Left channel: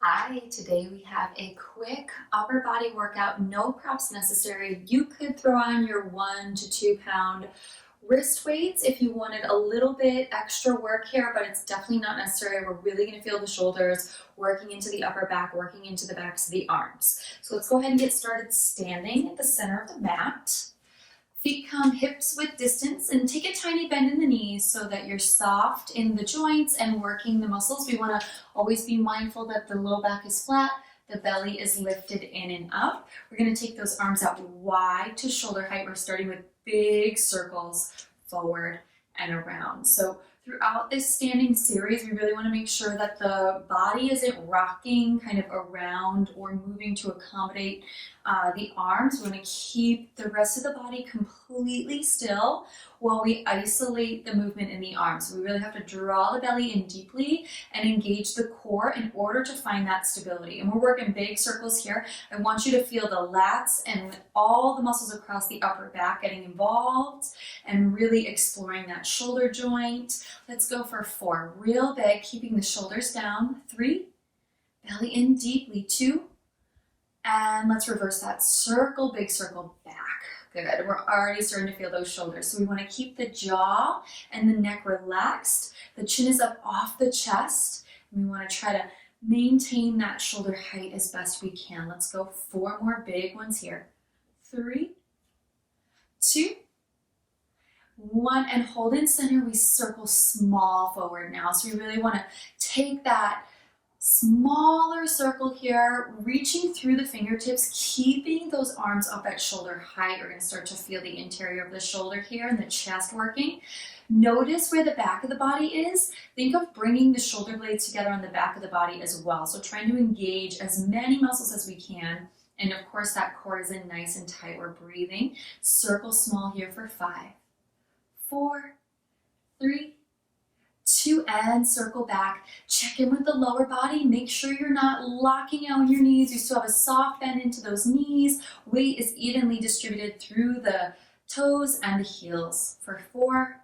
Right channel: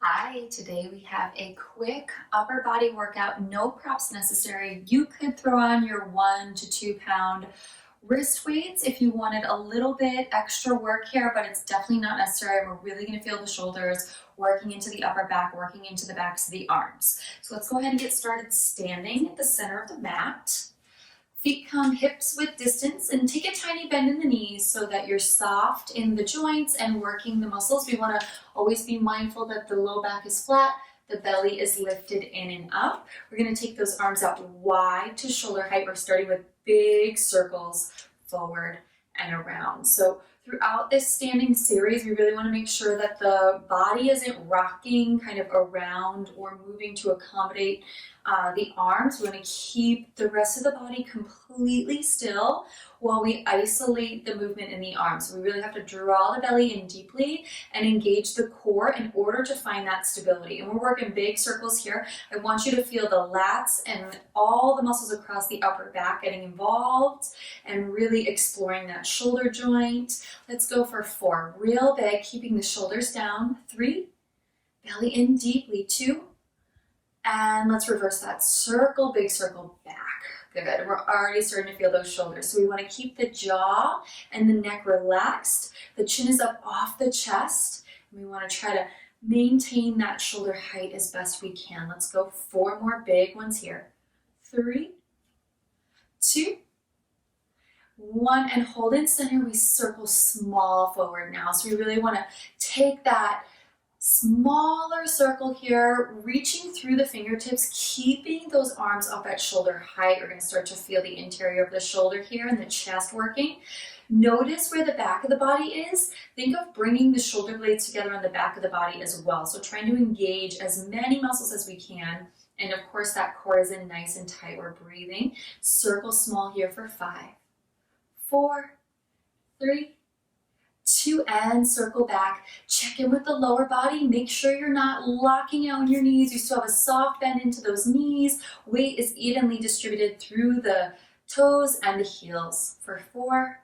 Hi, today we have a quick upper body workout, no props necessary. You could throw on your 1 to 2 pound wrist weights if you wanted a little bit extra work here, but it's definitely not necessary. We're really going to feel the shoulders, working into the upper back, working into the backs of the arms. So let's go ahead and get started standing at the center of the mat. Feet come hips width distance and take a tiny bend in the knees so that you're soft in the joints and working the muscles. We want to always be mindful that the low back is flat, the belly is lifted in and up. We're going to take those arms out wide to shoulder height. We're starting with big circles forward and around. So throughout this standing series, we really want to make sure that the body isn't rocking kind of around or moving to accommodate the arms. We want to keep the rest of the body completely still while we isolate the movement in the arms. So we really have to draw the belly in deeply and engage the core in order to find that stability. And we're working big circles here. I want you to feel the lats and all the muscles across the upper back getting involved and really exploring that shoulder joint. Let's go for 4. Real big, keeping the shoulders down. 3, belly in deeply. 2, and let's reverse that. Circle, big circle back. Good. We're already starting to feel those shoulders. So we want to keep the jaw and the neck relaxed. The chin is up off the chest. And we want to try to maintain that shoulder height as best we can. Let's go 4 more big ones here. 3, 2, 1, and hold in center. We circle small forward now. So we really want to take that smaller circle here, reaching through the fingertips, keeping those arms up at shoulder height. We're going to start to feel the interior of the shoulder here and the chest working. Notice where the back of the body is. Think of bringing the shoulder blades together on the back of the body as well. So trying to engage as many muscles as we can. And of course, that core is in nice and tight. We're breathing. Circle small here for 5, 4, 3, 2, and circle back. Check in with the lower body. Make sure you're not locking out in your knees. You still have a soft bend into those knees. Weight is evenly distributed through the toes and the heels. For 4,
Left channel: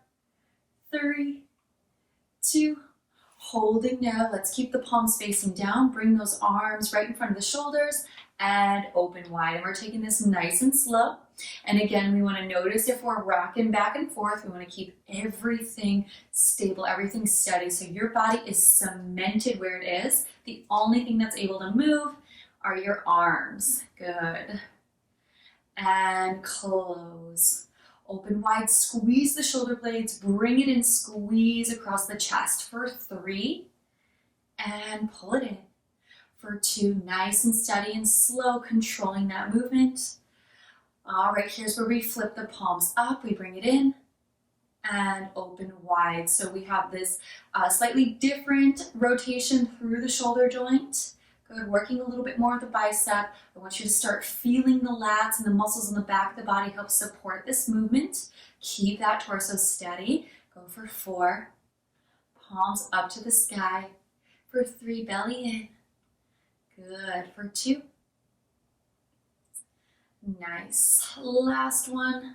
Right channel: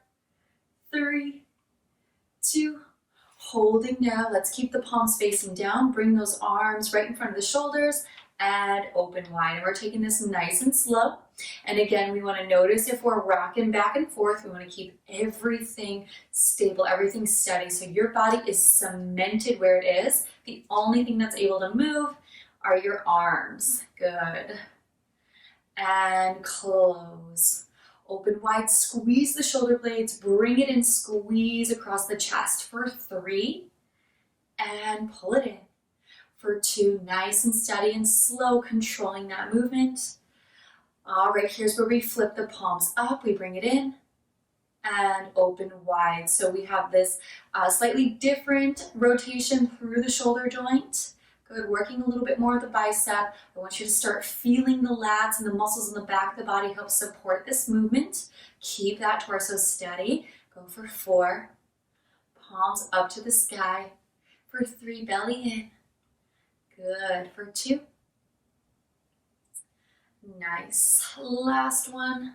3, 2, holding now. Let's keep the palms facing down. Bring those arms right in front of the shoulders and open wide. And we're taking this nice and slow. And again, we want to notice if we're rocking back and forth, we want to keep everything stable, everything steady. So your body is cemented where it is. The only thing that's able to move are your arms. Good. And close. Open wide, squeeze the shoulder blades, bring it in, squeeze across the chest for 3, and pull it in. For 2, nice and steady and slow, controlling that movement. All right, here's where we flip the palms up. We bring it in and open wide. So we have this slightly different rotation through the shoulder joint. Good, working a little bit more of the bicep. I want you to start feeling the lats and the muscles in the back of the body help support this movement. Keep that torso steady. Go for 4, palms up to the sky. For 3, belly in. Good, for 2. Nice. Last one.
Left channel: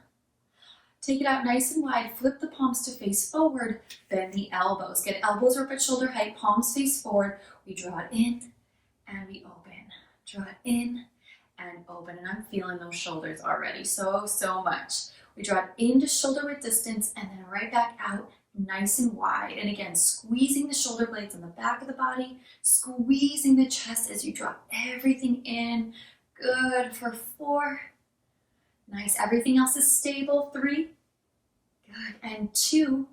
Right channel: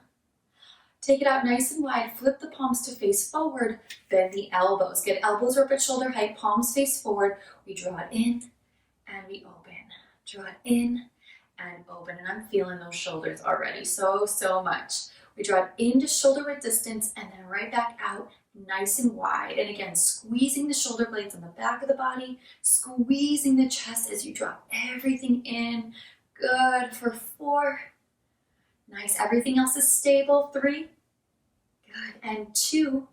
Take it out nice and wide. Flip the palms to face forward. Bend the elbows. Get elbows up at shoulder height. Palms face forward. We draw it in and we open. Draw it in and open. And I'm feeling those shoulders already so much. We draw it into shoulder width distance and then right back out nice and wide. And again, squeezing the shoulder blades on the back of the body. Squeezing the chest as you draw everything in. Good, for 4. Nice, everything else is stable. 3, good, and 2.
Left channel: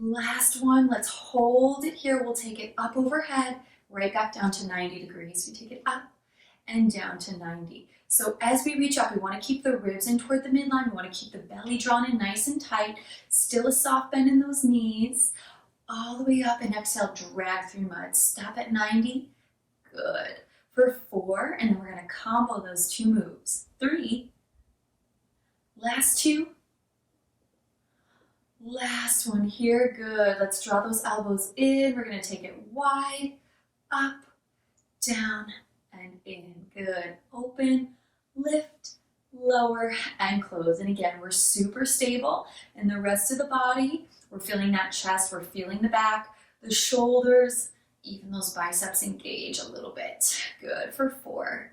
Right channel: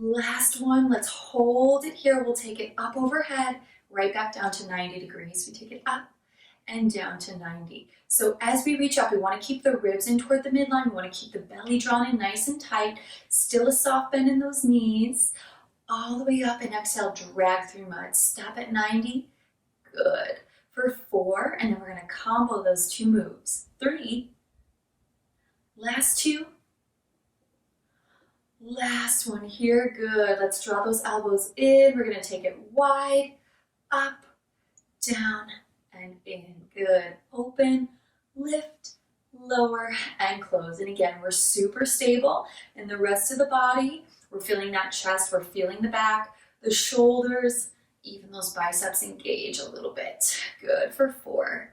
Last one, let's hold it here. We'll take it up overhead, right back down to 90 degrees. We take it up and down to 90. So as we reach up, we want to keep the ribs in toward the midline. We want to keep the belly drawn in nice and tight. Still a soft bend in those knees. All the way up and exhale, drag through mud. Stop at 90. Good. For 4, and then we're going to combo those 2 moves. 3, last 2, last one here. Good. Let's draw those elbows in. We're going to take it wide, up, down, and in. Good. Open, lift, lower, and close. And again, we're super stable. And the rest of the body, we're feeling that chest, we're feeling the back, the shoulders, Even those biceps engage a little bit. Good for 4.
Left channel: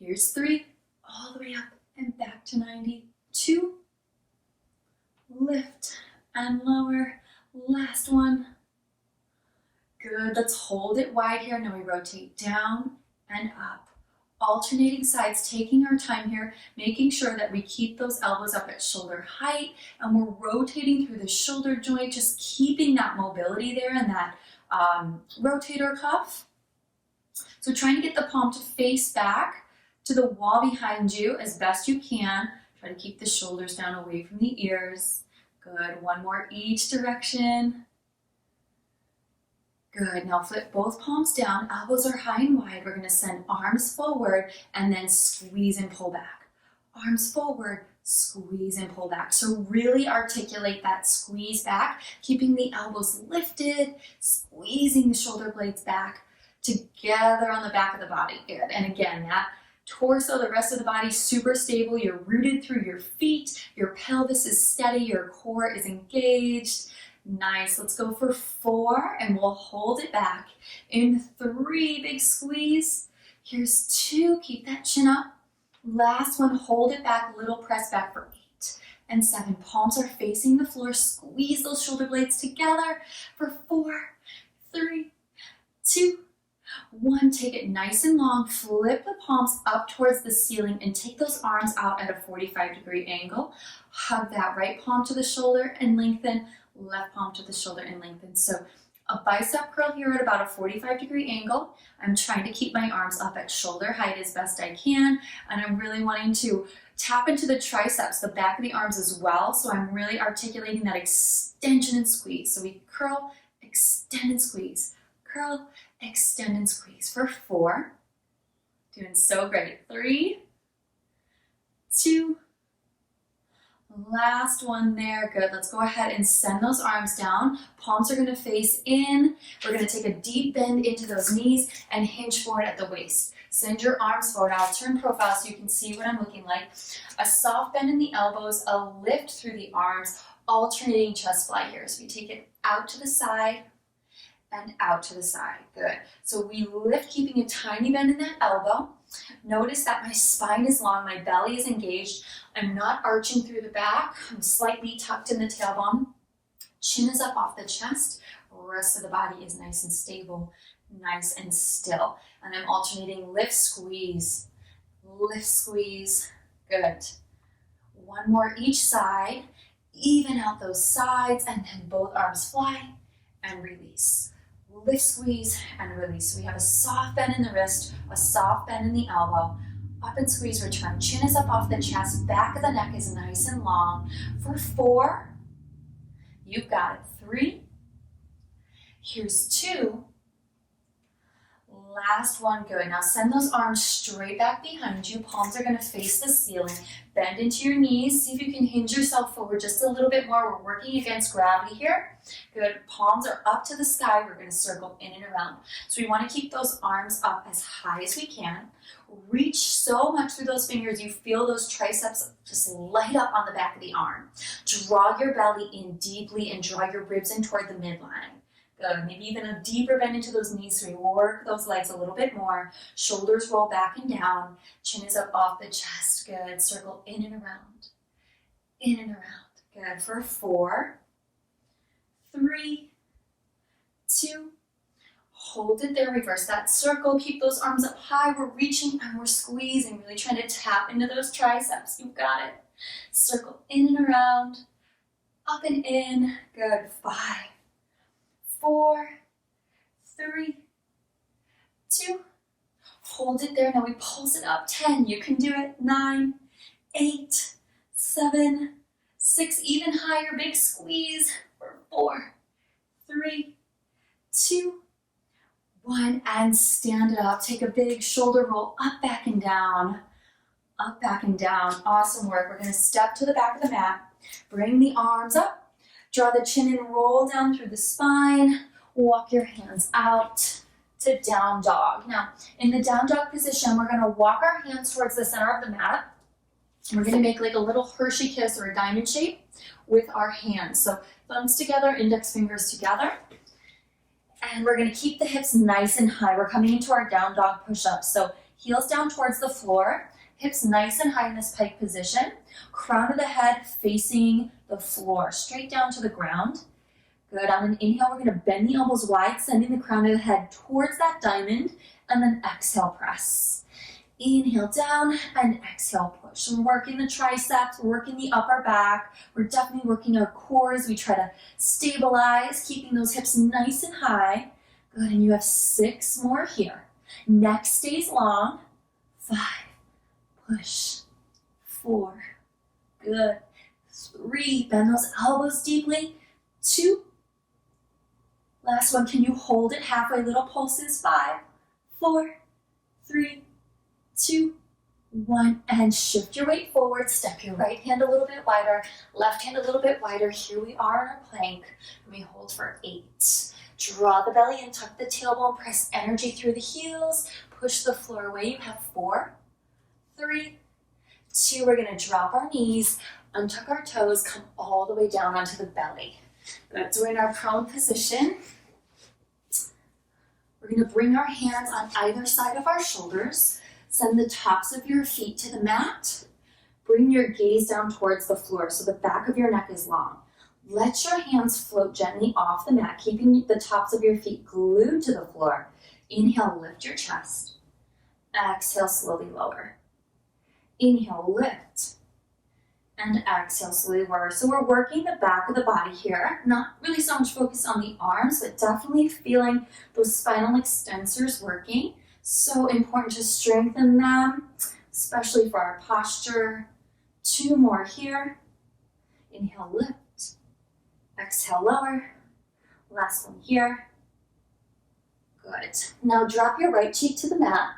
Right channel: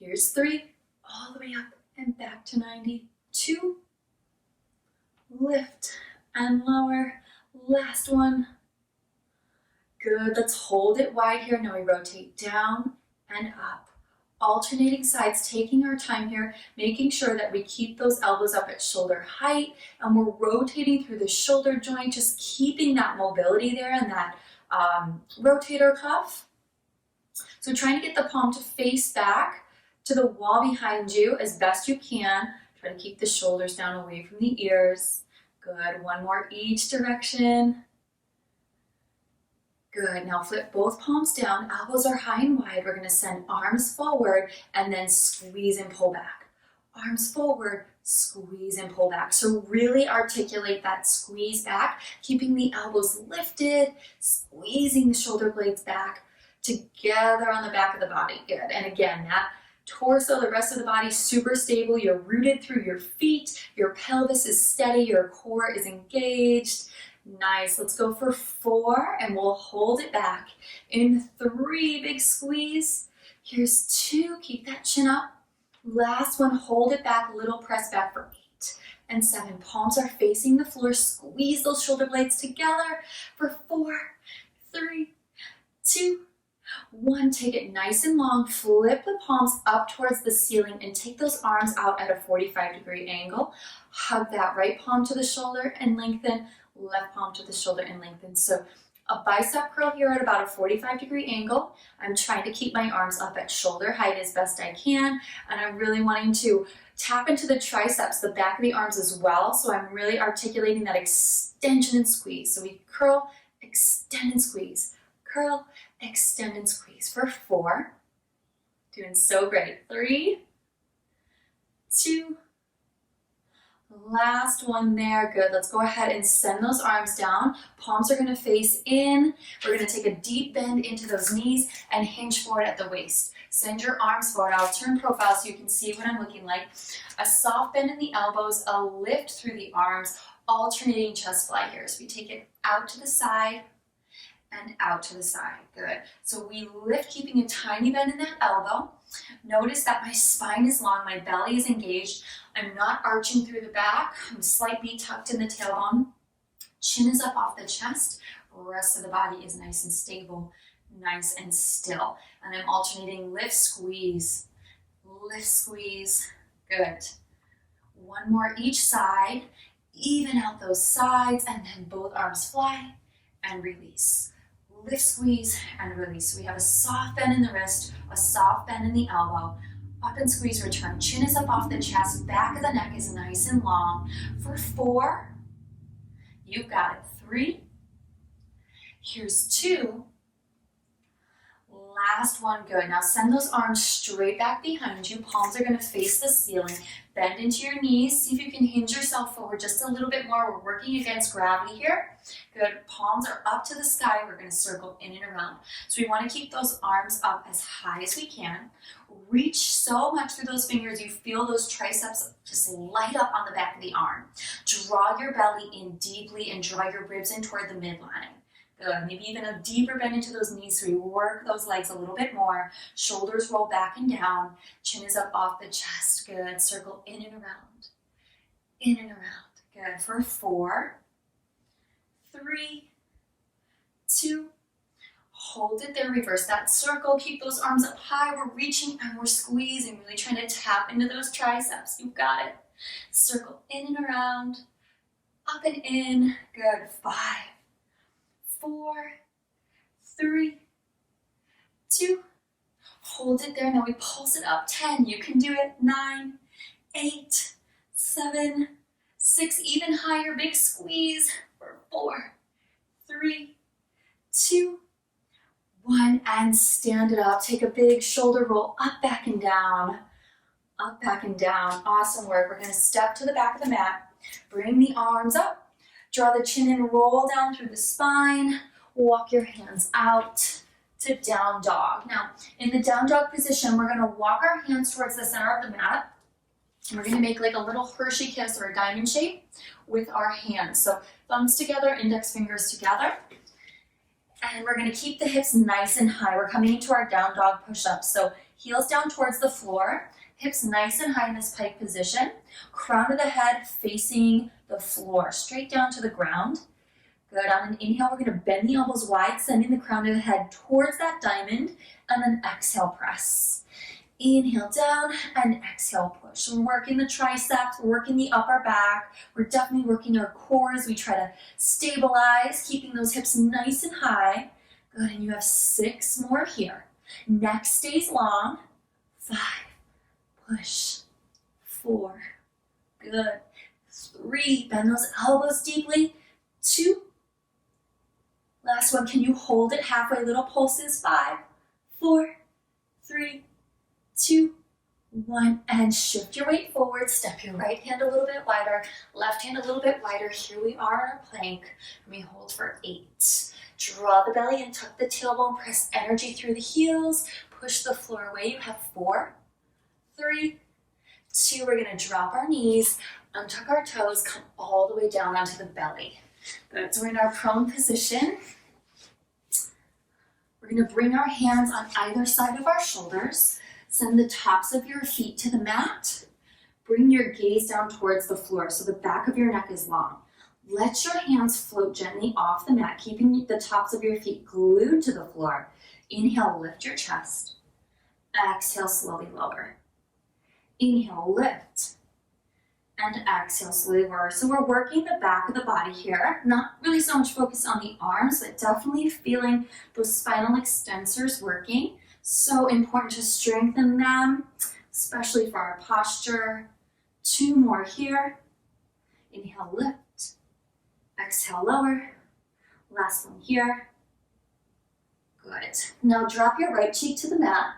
Here's 3, all the way up and back to 90. 2, lift and lower. Last one. Good, let's hold it wide here. Now we rotate down and up. Alternating sides, taking our time here, making sure that we keep those elbows up at shoulder height, and we're rotating through the shoulder joint, just keeping that mobility there and that rotator cuff. So trying to get the palm to face back to the wall behind you as best you can. Try to keep the shoulders down away from the ears. Good, one more each direction. Good, now flip both palms down, elbows are high and wide. We're gonna send arms forward and then squeeze and pull back. Arms forward, squeeze and pull back. So really articulate that squeeze back, keeping the elbows lifted, squeezing the shoulder blades back together on the back of the body. Good, and again, that torso, the rest of the body, super stable. You're rooted through your feet, your pelvis is steady, your core is engaged. Nice, let's go for 4 and we'll hold it back. In 3, big squeeze. Here's 2, keep that chin up. Last one, hold it back, little press back for 8 and 7. Palms are facing the floor, squeeze those shoulder blades together for 4, 3, 2, 1. Take it nice and long, flip the palms up towards the ceiling and take those arms out at a 45-degree angle. Hug that right palm to the shoulder and lengthen. Left palm to the shoulder and lengthen. So a bicep curl here at about a 45-degree angle. I'm trying to keep my arms up at shoulder height as best I can, and I'm really wanting to tap into the triceps, the back of the arms as well. So I'm really articulating that extension and squeeze. So we curl, extend and squeeze. Curl, extend and squeeze for 4. Doing so great. 3, 2, last one there. Good. Let's go ahead and send those arms down. Palms are going to face in. We're going to take a deep bend into those knees and hinge forward at the waist. Send your arms forward. I'll turn profile so you can see what I'm looking like. A soft bend in the elbows, a lift through the arms, alternating chest fly here. So we take it out to the side and out to the side. Good. So we lift, keeping a tiny bend in that elbow. Notice that my spine is long, my belly is engaged. I'm not arching through the back. I'm slightly tucked in the tailbone. Chin is up off the chest. Rest of the body is nice and stable, nice and still. And I'm alternating lift, squeeze, lift, squeeze. Good. One more each side. Even out those sides, and then both arms fly and release. Lift, squeeze, and release. So we have a soft bend in the wrist, a soft bend in the elbow. Up and squeeze, return. Chin is up off the chest, back of the neck is nice and long. For 4, you've got it. 3, here's 2. Last one, good. Now send those arms straight back behind you. Palms are going to face the ceiling. Bend into your knees. See if you can hinge yourself forward just a little bit more. We're working against gravity here. Good. Palms are up to the sky. We're going to circle in and around. So we want to keep those arms up as high as we can. Reach so much through those fingers. You feel those triceps just light up on the back of the arm. Draw your belly in deeply and draw your ribs in toward the midline. Good. Maybe even a deeper bend into those knees so we work those legs a little bit more. Shoulders roll back and down. Chin is up off the chest. Good. Circle in and around. In and around. Good. For 4, 3, 2, hold it there. Reverse that circle. Keep those arms up high. We're reaching and we're squeezing. Really trying to tap into those triceps. You've got it. Circle in and around. Up and in. Good. 5, 4, 3, 2, hold it there. Now we pulse it up. 10, you can do it. 9, 8, 7, 6, even higher. Big squeeze for 4, 3, 2, 1, and stand it up. Take a big shoulder roll up, back, and down. Up, back, and down. Awesome work. We're going to step to the back of the mat. Bring the arms up. Draw the chin and roll down through the spine. Walk your hands out to down dog. Now, in the down dog position, we're going to walk our hands towards the center of the mat. We're going to make like a little Hershey kiss or a diamond shape with our hands. So thumbs together, index fingers together. And we're gonna keep the hips nice and high. We're coming into our down dog push-up. So heels down towards the floor, hips nice and high in this pike position, crown of the head facing the floor, straight down to the ground. Good, on an inhale, we're gonna bend the elbows wide, sending the crown of the head towards that diamond, and then exhale, press. Inhale down and exhale, push. We're working the triceps, we're working the upper back, we're definitely working our core as we try to stabilize, keeping those hips nice and high. Good, and you have 6 more here. Neck stays long. 5, push. 4, good. 3, bend those elbows deeply. 2, last one, can you hold it halfway, little pulses? 5, 4, 3, 2, 1, and shift your weight forward. Step your right hand a little bit wider, left hand a little bit wider. Here we are in our plank, and we hold for 8. Draw the belly in, tuck the tailbone, press energy through the heels, push the floor away. You have 4, 3, 2. We're gonna drop our knees, untuck our toes, come all the way down onto the belly. Good, so we're in our prone position. We're gonna bring our hands on either side of our shoulders. Send the tops of your feet to the mat. Bring your gaze down towards the floor so the back of your neck is long. Let your hands float gently off the mat, keeping the tops of your feet glued to the floor. Inhale, lift your chest. Exhale, slowly lower. Inhale, lift. And exhale, slowly lower. So we're working the back of the body here. Not really so much focus on the arms, but definitely feeling those spinal extensors working. So important to strengthen them, especially for our posture. 2 more here. Inhale, lift. Exhale, lower. Last one here. Good. Now drop your right cheek to the mat.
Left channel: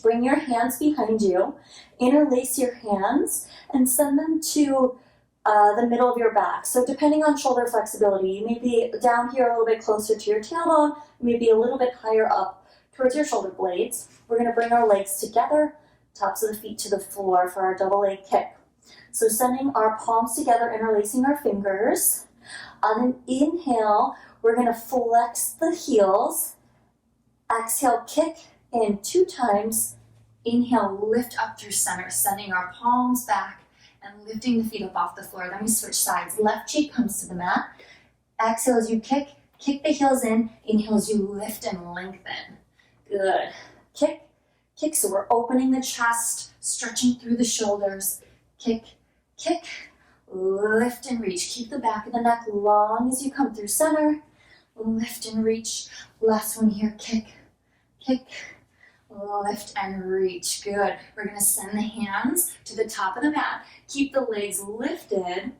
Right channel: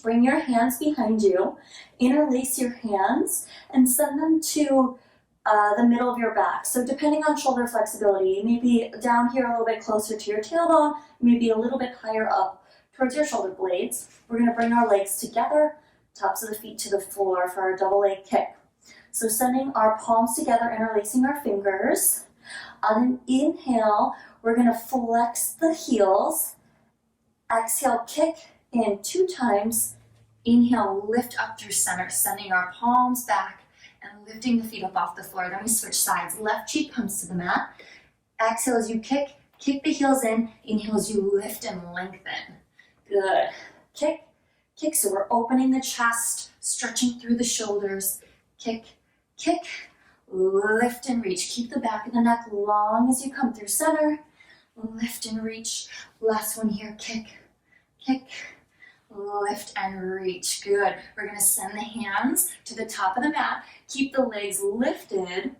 Bring your hands behind you. Interlace your hands and send them to the middle of your back. So depending on shoulder flexibility, you may be down here a little bit closer to your tailbone, maybe a little bit higher up towards your shoulder blades. We're gonna bring our legs together, tops of the feet to the floor for our double leg kick. So sending our palms together, interlacing our fingers. On an inhale, we're gonna flex the heels. Exhale, kick in 2 times. Inhale, lift up through center, sending our palms back and lifting the feet up off the floor. Then we switch sides. Left cheek comes to the mat. Exhale as you kick the heels in. Inhale as you lift and lengthen. Good. Kick, kick. So we're opening the chest, stretching through the shoulders. Kick, kick, lift and reach. Keep the back of the neck long as you come through center. Lift and reach. Last one here. Kick, kick, lift and reach. Good. We're going to send the hands to the top of the mat. Keep the legs lifted.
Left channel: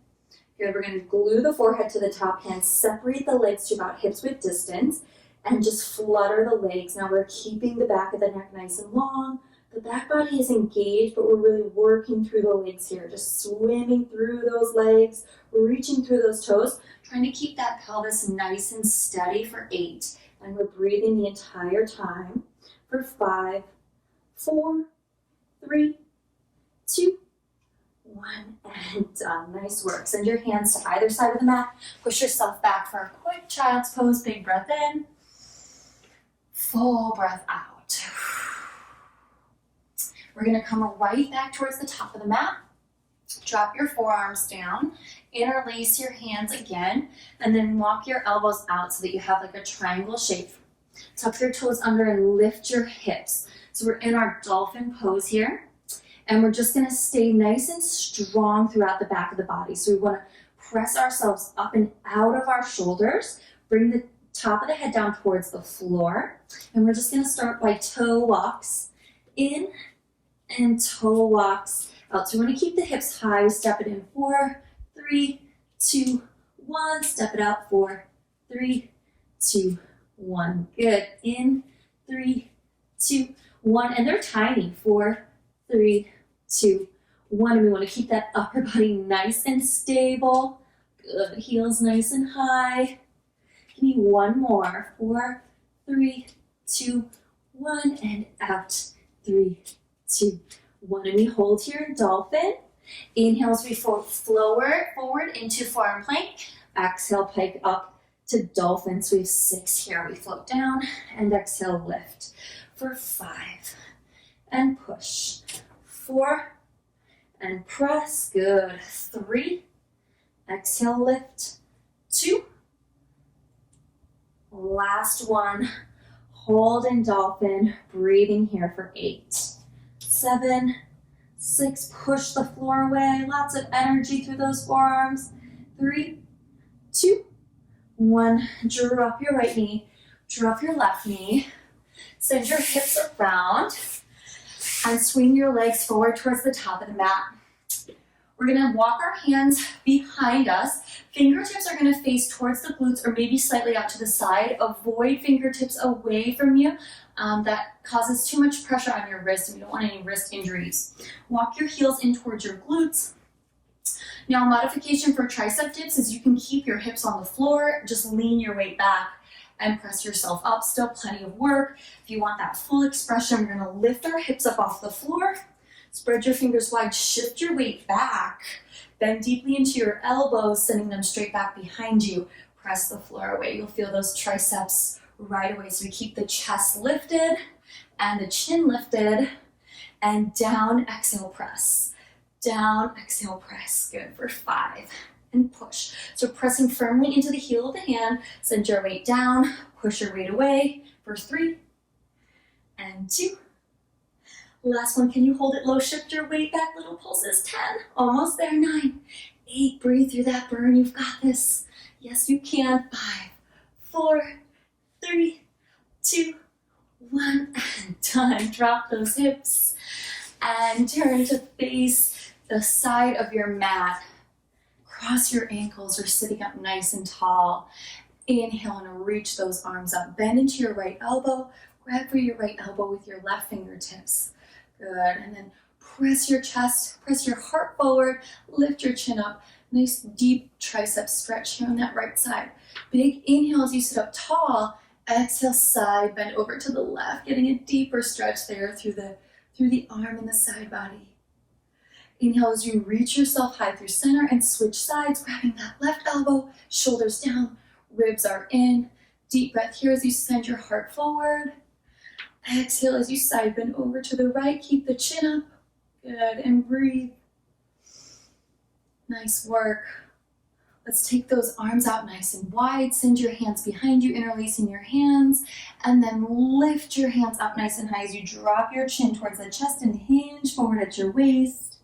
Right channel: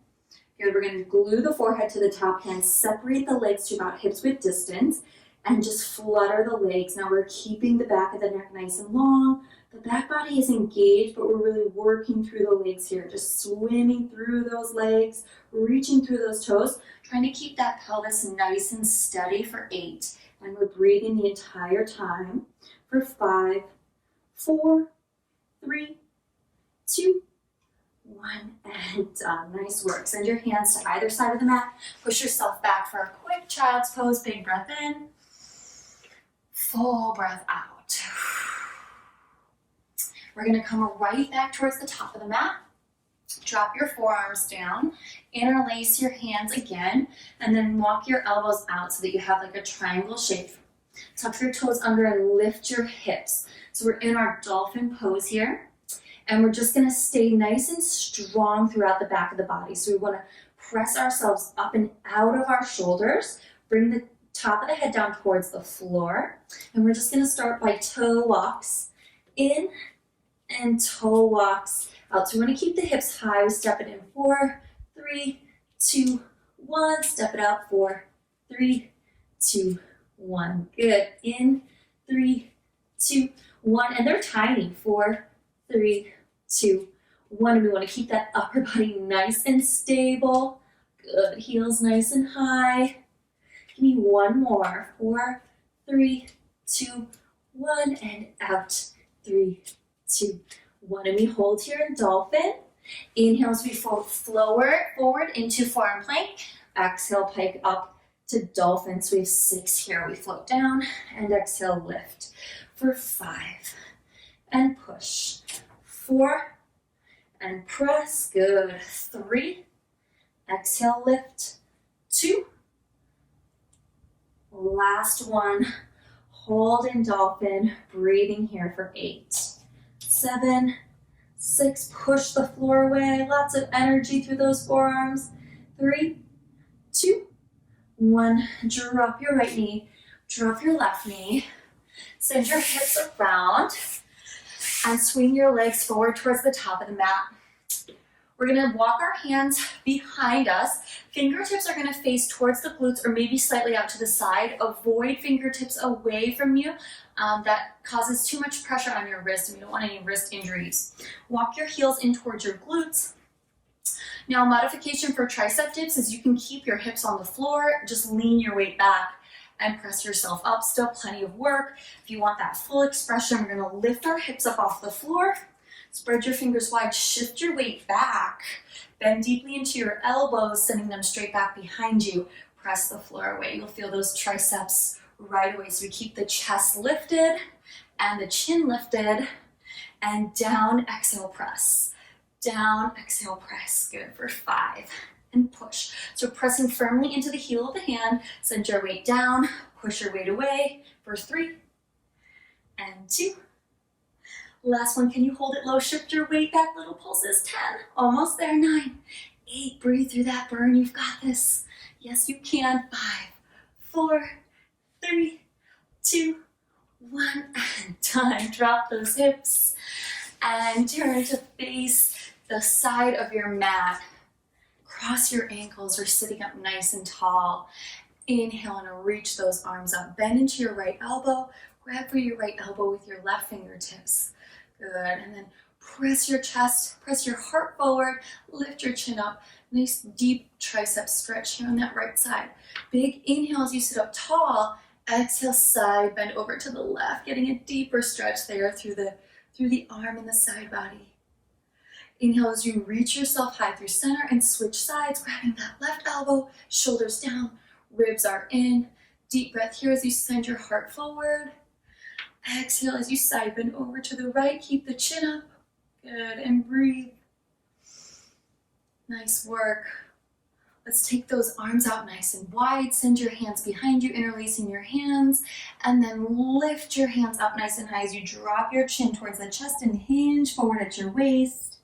Good. We're going to glue the forehead to the top, hands separate the legs to about hips width distance, and just flutter the legs. Now we're keeping the back of the neck nice and long. The back body is engaged, but we're really working through the legs here, just swimming through those legs, reaching through those toes, trying to keep that pelvis nice and steady for 8. And we're breathing the entire time for 5, 4, 3, 2, 1, and done. Nice work. Send your hands to either side of the mat. Push yourself back for a quick child's pose. Big breath in. Full breath out. We're going to come right back towards the top of the mat. Drop your forearms down. Interlace your hands again. And then walk your elbows out so that you have like a triangle shape. Tuck your toes under and lift your hips. So we're in our dolphin pose here. And we're just going to stay nice and strong throughout the back of the body. So we want to press ourselves up and out of our shoulders. Bring the top of the head down towards the floor. And we're just going to start by toe walks in and toe walks out. So we're going to keep the hips high. We step it in 4, 3, 2, 1. Step it out 4, 3, 2, 1. Good. In 3, 2, 1. And they're tiny. 4, 3, 2, 1. And we want to keep that upper body nice and stable. Good. Heels nice and high. Give me one more. 4, 3, 2, 1. And out. 3, 2, 1. And we hold here in dolphin. Inhale as we forward into forearm plank. Exhale, pike up to dolphin. So we have 6 here. We float down and exhale, lift for 5 and push. 4 and press. Good. 3. Exhale, lift. 2. Last one. Hold in dolphin. Breathing here for 8, 7, 6. Push the floor away. Lots of energy through those forearms. 3, 2, 1. Drop your right knee. Drop your left knee. Send your hips around and swing your legs forward towards the top of the mat. We're gonna walk our hands behind us. Fingertips are gonna face towards the glutes or maybe slightly out to the side. Avoid fingertips away from you. That causes too much pressure on your wrist and we don't want any wrist injuries. Walk your heels in towards your glutes. Now, modification for tricep dips is you can keep your hips on the floor, just lean your weight back and press yourself up. Still plenty of work. If you want that full expression, we're gonna lift our hips up off the floor. Spread your fingers wide, shift your weight back. Bend deeply into your elbows, sending them straight back behind you. Press the floor away. You'll feel those triceps right away. So we keep the chest lifted and the chin lifted. And down, exhale, press. Down, exhale, press. Good for 5. And push. So pressing firmly into the heel of the hand. Send your weight down. Push your weight away for 3 and 2. Last one, can you hold it low? Shift your weight back, little pulses. 10, almost there. 9, 8, breathe through that burn. You've got this. Yes, you can. 5, 4, 3, 2, 1, and done. Drop those hips and turn to face the side of your mat. Cross your ankles. You're sitting up nice and tall. Inhale and reach those arms up. Bend into your right elbow. Grab for your right elbow with your left fingertips. Good, and then press your chest, press your heart forward, lift your chin up. Nice deep tricep stretch here on that right side. Big inhale as you sit up tall. Exhale, side bend over to the left, getting a deeper stretch there through the arm and the side body. Inhale as you reach yourself high through center and switch sides, grabbing that left elbow, shoulders down, ribs are in. Deep breath here as you send your heart forward. Exhale as you side bend over to the right. Keep the chin up. Good. And breathe. Nice work. Let's take those arms out nice and wide. Send your hands behind you, interlacing your hands. And then lift your hands up nice and high as you drop your chin towards the chest and hinge forward at your waist.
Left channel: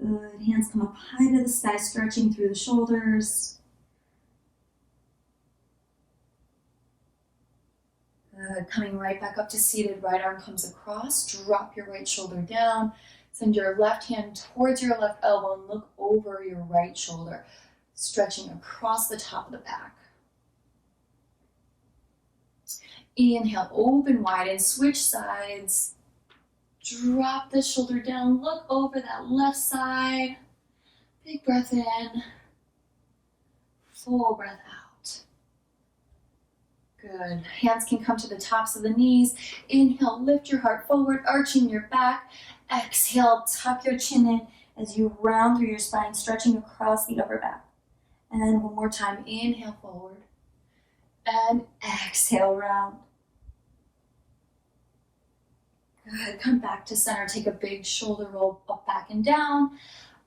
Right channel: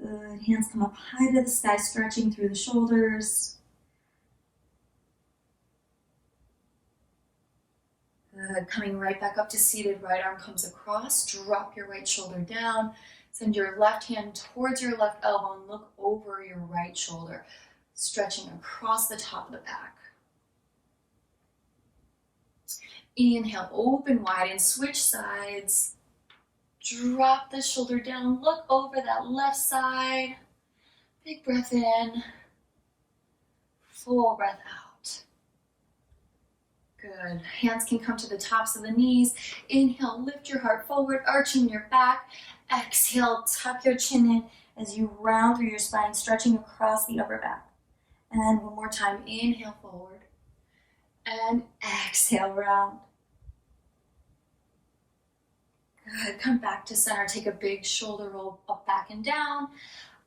Good. Hands come up high to the sky, stretching through the shoulders. Good. Coming right back up to seated, right arm comes across. Drop your right shoulder down. Send your left hand towards your left elbow and look over your right shoulder, stretching across the top of the back. Inhale, open wide and switch sides. Drop the shoulder down, look over that left side. Big breath in, full breath out. Good. Hands can come to the tops of the knees. Inhale, lift your heart forward, arching your back. Exhale, tuck your chin in as you round through your spine, stretching across the upper back. And one more time, inhale forward. And exhale, round. Good. Come back to center. Take a big shoulder roll up, back, and down.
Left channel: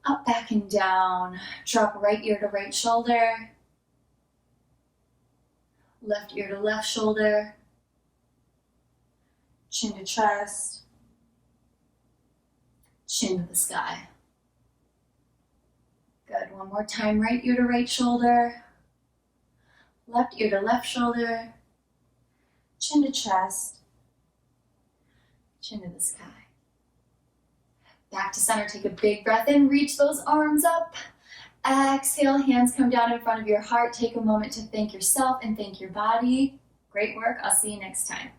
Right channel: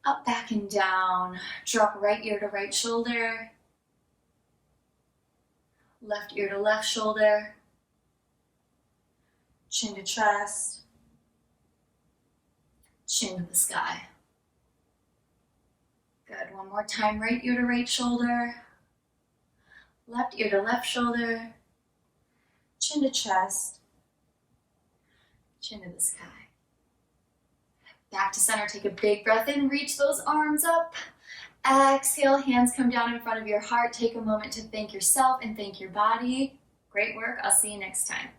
Up, back, and down. Drop right ear to right shoulder. Left ear to left shoulder. Chin to chest. Chin to the sky. Good. One more time. Right ear to right shoulder. Left ear to left shoulder. Chin to chest. Chin to the sky. Back to center. Take a big breath in. Reach those arms up. Exhale, hands come down in front of your heart. Take a moment to thank yourself and thank your body. Great work. I'll see you next time.